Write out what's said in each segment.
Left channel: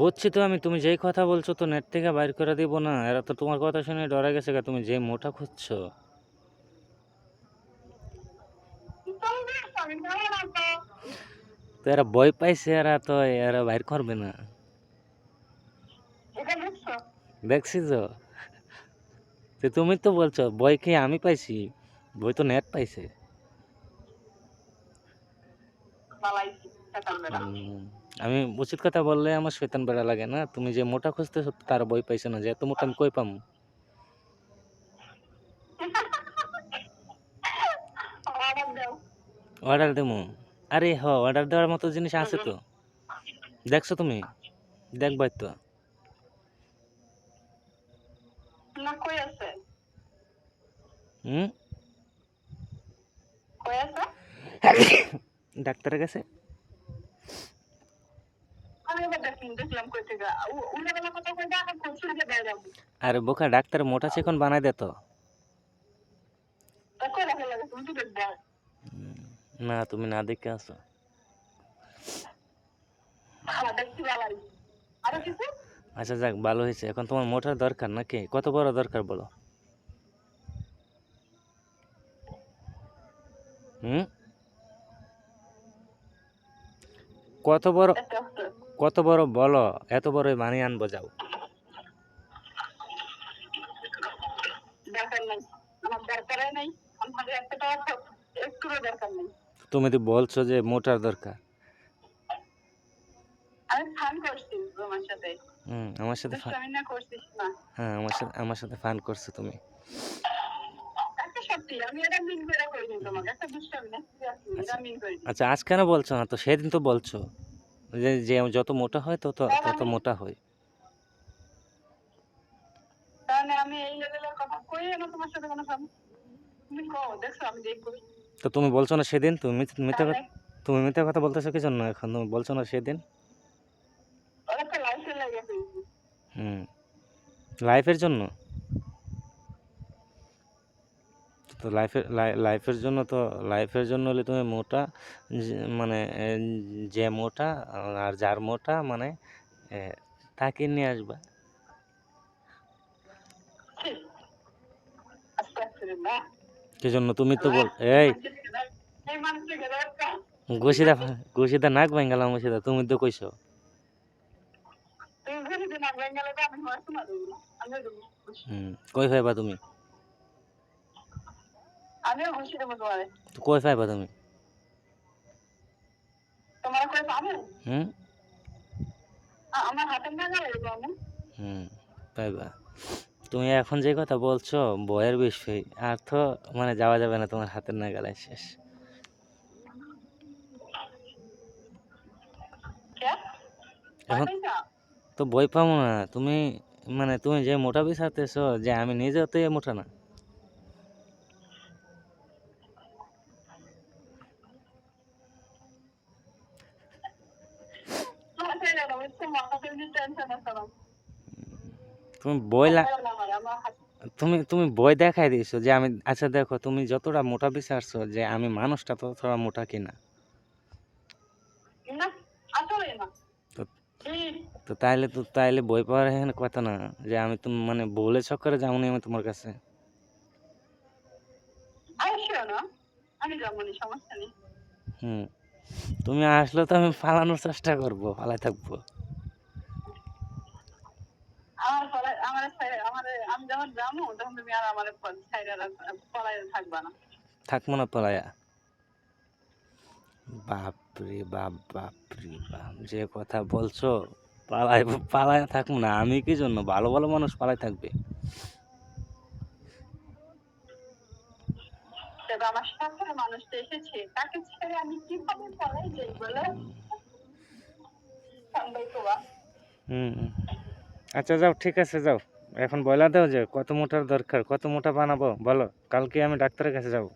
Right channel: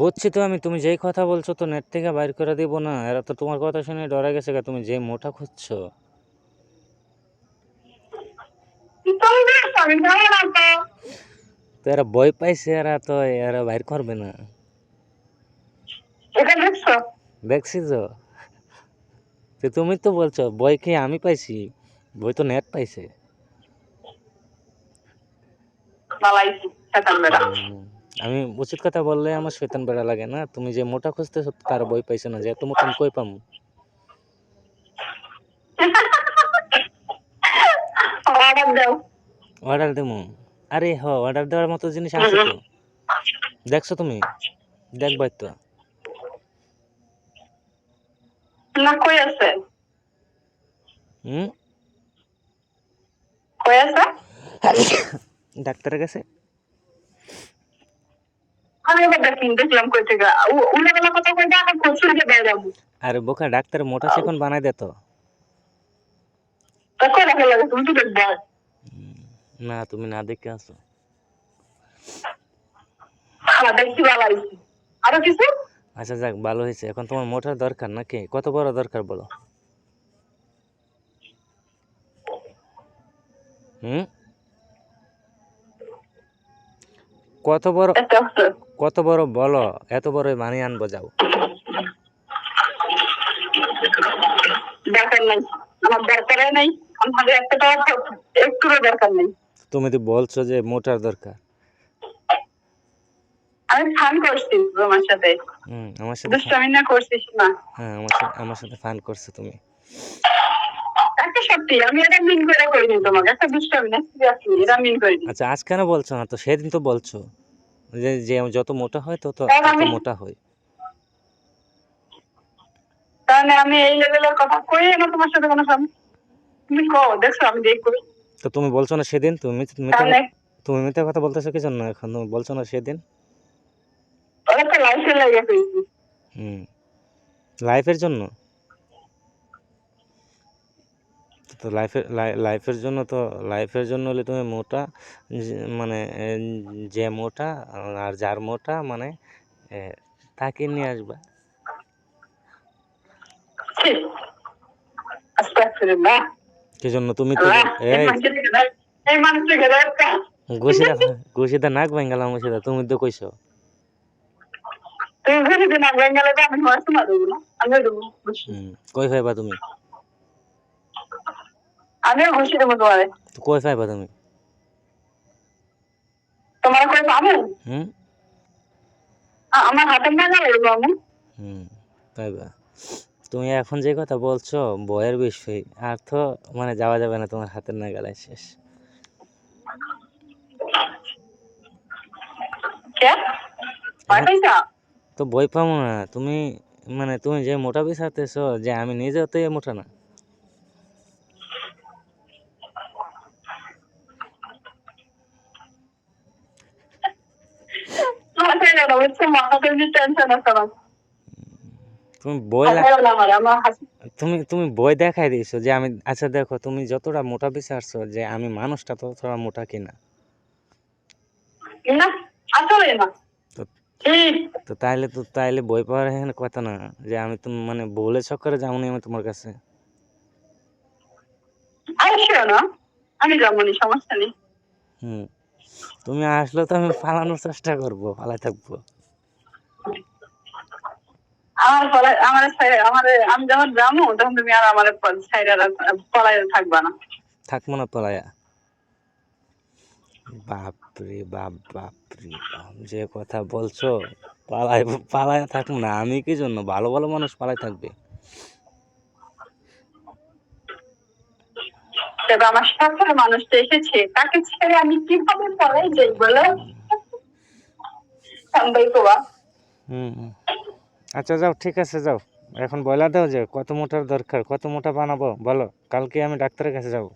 বুঝছি তো আমি, তুমি যেই কথা বলছো তো নেট থেকে বাইর করে দিব না, এরা তো তোমার কথা শুনে ডরে গেছে গা, তুমি যে মোটা খুঁজছো। তুমি দেখো আমি ভালো না তো। তো এরা ভয় পাইছে, এরা তো এরা বাইর করবে না। এটা দেখছো? দেখছি তো। তো তুমি তো বলছো বই কি আমি পাইছি, বই তো নেট পাইছে। বালাইছি শয়তান বেটা। আমি উচিত কথা বললে আমার শয়তান বেড়া লাগে না। তুমি যে মোটা খুঁজতেছো তার বই পাইছে না, যে এত মোটা আমি কই পামু? অর্ডার দাও। অর্ডার দেবো? আরে অর্ডার দেওয়ার মতো জিনিস আছে তো। দেখছো তুমি? দেখবাই তো। না কই আছে? হুম। কই আছে? ডাক্তারের কাছে। আমি এবার দেখলাম কই থেকে উল্লেবেলা কথা কইতে আমার প্রচুর যে বেড়ে যাবো। আরে বোকা, ডাক্তার মোটা চিকন বানাই দে তো। তা কই দেখা লাগে তুমি তো দেখবে। না, তুমি না দেখে আছো। দেখছি বালাইছি। আরো কিছু? আচ্ছা যাক, ভালো হয়েছে। এখন তোমার মোটার দরকার নাকি? কত বড় দরকার বলো? হুম। কত বড়? একটা আছে। কত বড় বলো, এত বড় বানিয়ে আনবো, যাও। দরকার নাই। আমার দরকারই নাই। আমার একটা টাকা একটুও দরকার নেই। তুমি তো বলছো যে মোটার দরকার। আমি ফান করছি তোমার সাথে। আমার সাথে দুষ্টামি না করছিস না। হ্যাঁ, আমার সাথে ফান করছো তুমি। একটা সত্যি আমি এটা মিন করে করিনি তোমাকে। একটা দুষ্টামি না সিরিয়াসলি এটা মিন করিনি। আচ্ছা, আজ কেন বলছো না তো? সেদিন তো বলছো যে যে যত মোটা হয় তত কারণ তত আমি মোটা হয়। কারণ আমি এই লেভেলের কথা কই না তোমার সাথে কোনো তুমি কও দেখছো আমি দেখবো। তো তুমি বলছো না সেদিন? তাহলে তুমি মিথ্যা কথা বলতেছো কি জন্য এখন? তুমি বলছো না সেদিন? ওরা তো লাইফে লেগে ফেলছি। হুম। লাইফের জন্য? তো লাইফের জন্য হলে তুমি মোটা, মানে যে মোটা আর যার মোটা মানে এ, তাকে নিয়ে আসবা। আস্তাগফিরুল্লাহ। কি জন্য? তুমি তো আল্লাহ এই এই মানুষটাকে দেখা ঘুষিদা ঘুষিদা নাক ভাঙ্গালাম ঘুষিদা, তুমি তো কইছো। তুমি ঘুরে দিন বেঙ্গালে আমি হয়তো না দেবো না আমিও দেবো খুশি। কই পাইবা তুমি? আমিও খুশি দেবো তোমারে। তো কই পাইবা তুমি? তোমার করে পাবো হুম। আমার হাতের নাগালে দেবো আমি। পাইবা। তুমি এখন যে কথা বলছো বয়ের বিষয়, আর তো মানে যাওয়া যাবে না তোমার হাতের নাগালে, শেষ। কে ভয় এখন পাইছা? তো বই পাবো না তুমি, মানে তুমি যে মোটা বিচারতেছো, যে আমি নিজেও তো এ মোটা না। মাথায় না বুঝছো মাথাতে টেনশন আছে আমার। তুমি বই লা হাসাও না আমার আমার হাসি তুমি বই দেখাই দিয়েছো যে আমি, আচ্ছা দেখো, তুমি যতটা মোটা বিচারছো যে আমি মানুষটা ততটা মোটা কিনা। না আসলে না তো ঠিক তাইলে বই পাওয়ার এখানে কথা না, যে আমি তুমি মানে বলে চক্করে যাবনি আমি তোমার কাছে। আসো না আমি যাবনি সমস্যা নেই। হুম। তুমি আসলে তো আমি পালানোর চেষ্টা করবো, পালাই থাকবো। আমার পলাই আমার আমি যখন যাবো তখন তুমি আর আমার সাইডে পলাই থাকবা না। থাকবো না পলায়া? বাপরে বাপ, বাপরে বাপ, যে কথা বলছো! পালায় থাকবো না আমি? কি জন্য? ভালো ভালো মানুষ পালাই থাকবে। তবে আমার সাথে মানুষটা এসেছে তাকে ছেড়ে আমি কিভাবে পলাই যাই বলো? সাম্বাই কোয়া হুম। আচ্ছা যাও, ঠিক আছে যাও। এখন বলে দাও যে কত মোটার দরকার, কত মোটা বানাবো বলো, কালকে আমি ডাক্তারের কাছে যাবো।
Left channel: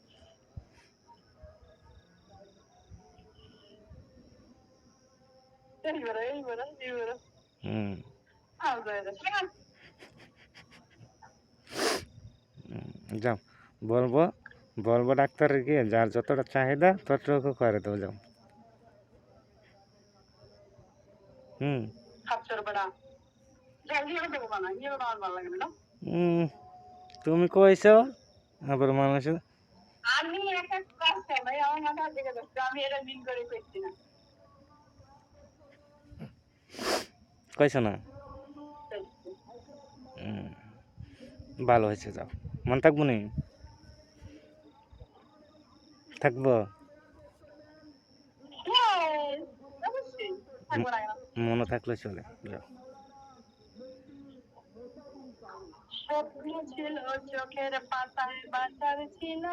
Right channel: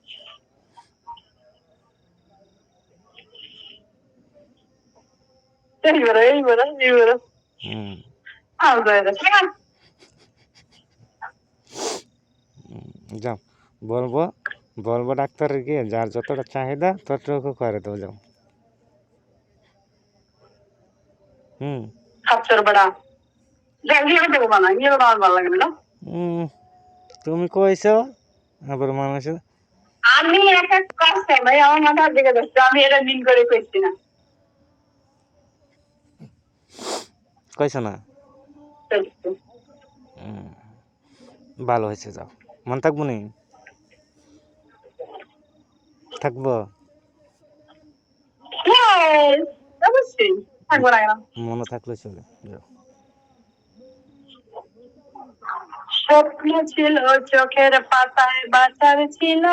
এই বড় হুম। যাও, বলবো বলবো ডাক্তারের গিয়ে যার যতটা চাহিদা ততটুকু করে দেবো, যাও। হুম। খাচ্ছর বড়া গিয়ে দেবো বানা গিয়ে আমার ভালো লাগে না তুমি কইছো আবার মানুষের আমি এক এক কাছে ভাই আমার মাথার দিকে যাচ্ছে আমি এটা মিন করে কইছি না কইছো না ভালো হয়েছে যাও মন থাকবো নি থাকবো Yes, অবশ্যই থাকবো না কেন মনে থাকলে চলে যাও স্বপ্ন ছিল চোখের পাতায় বাঁচার ছিল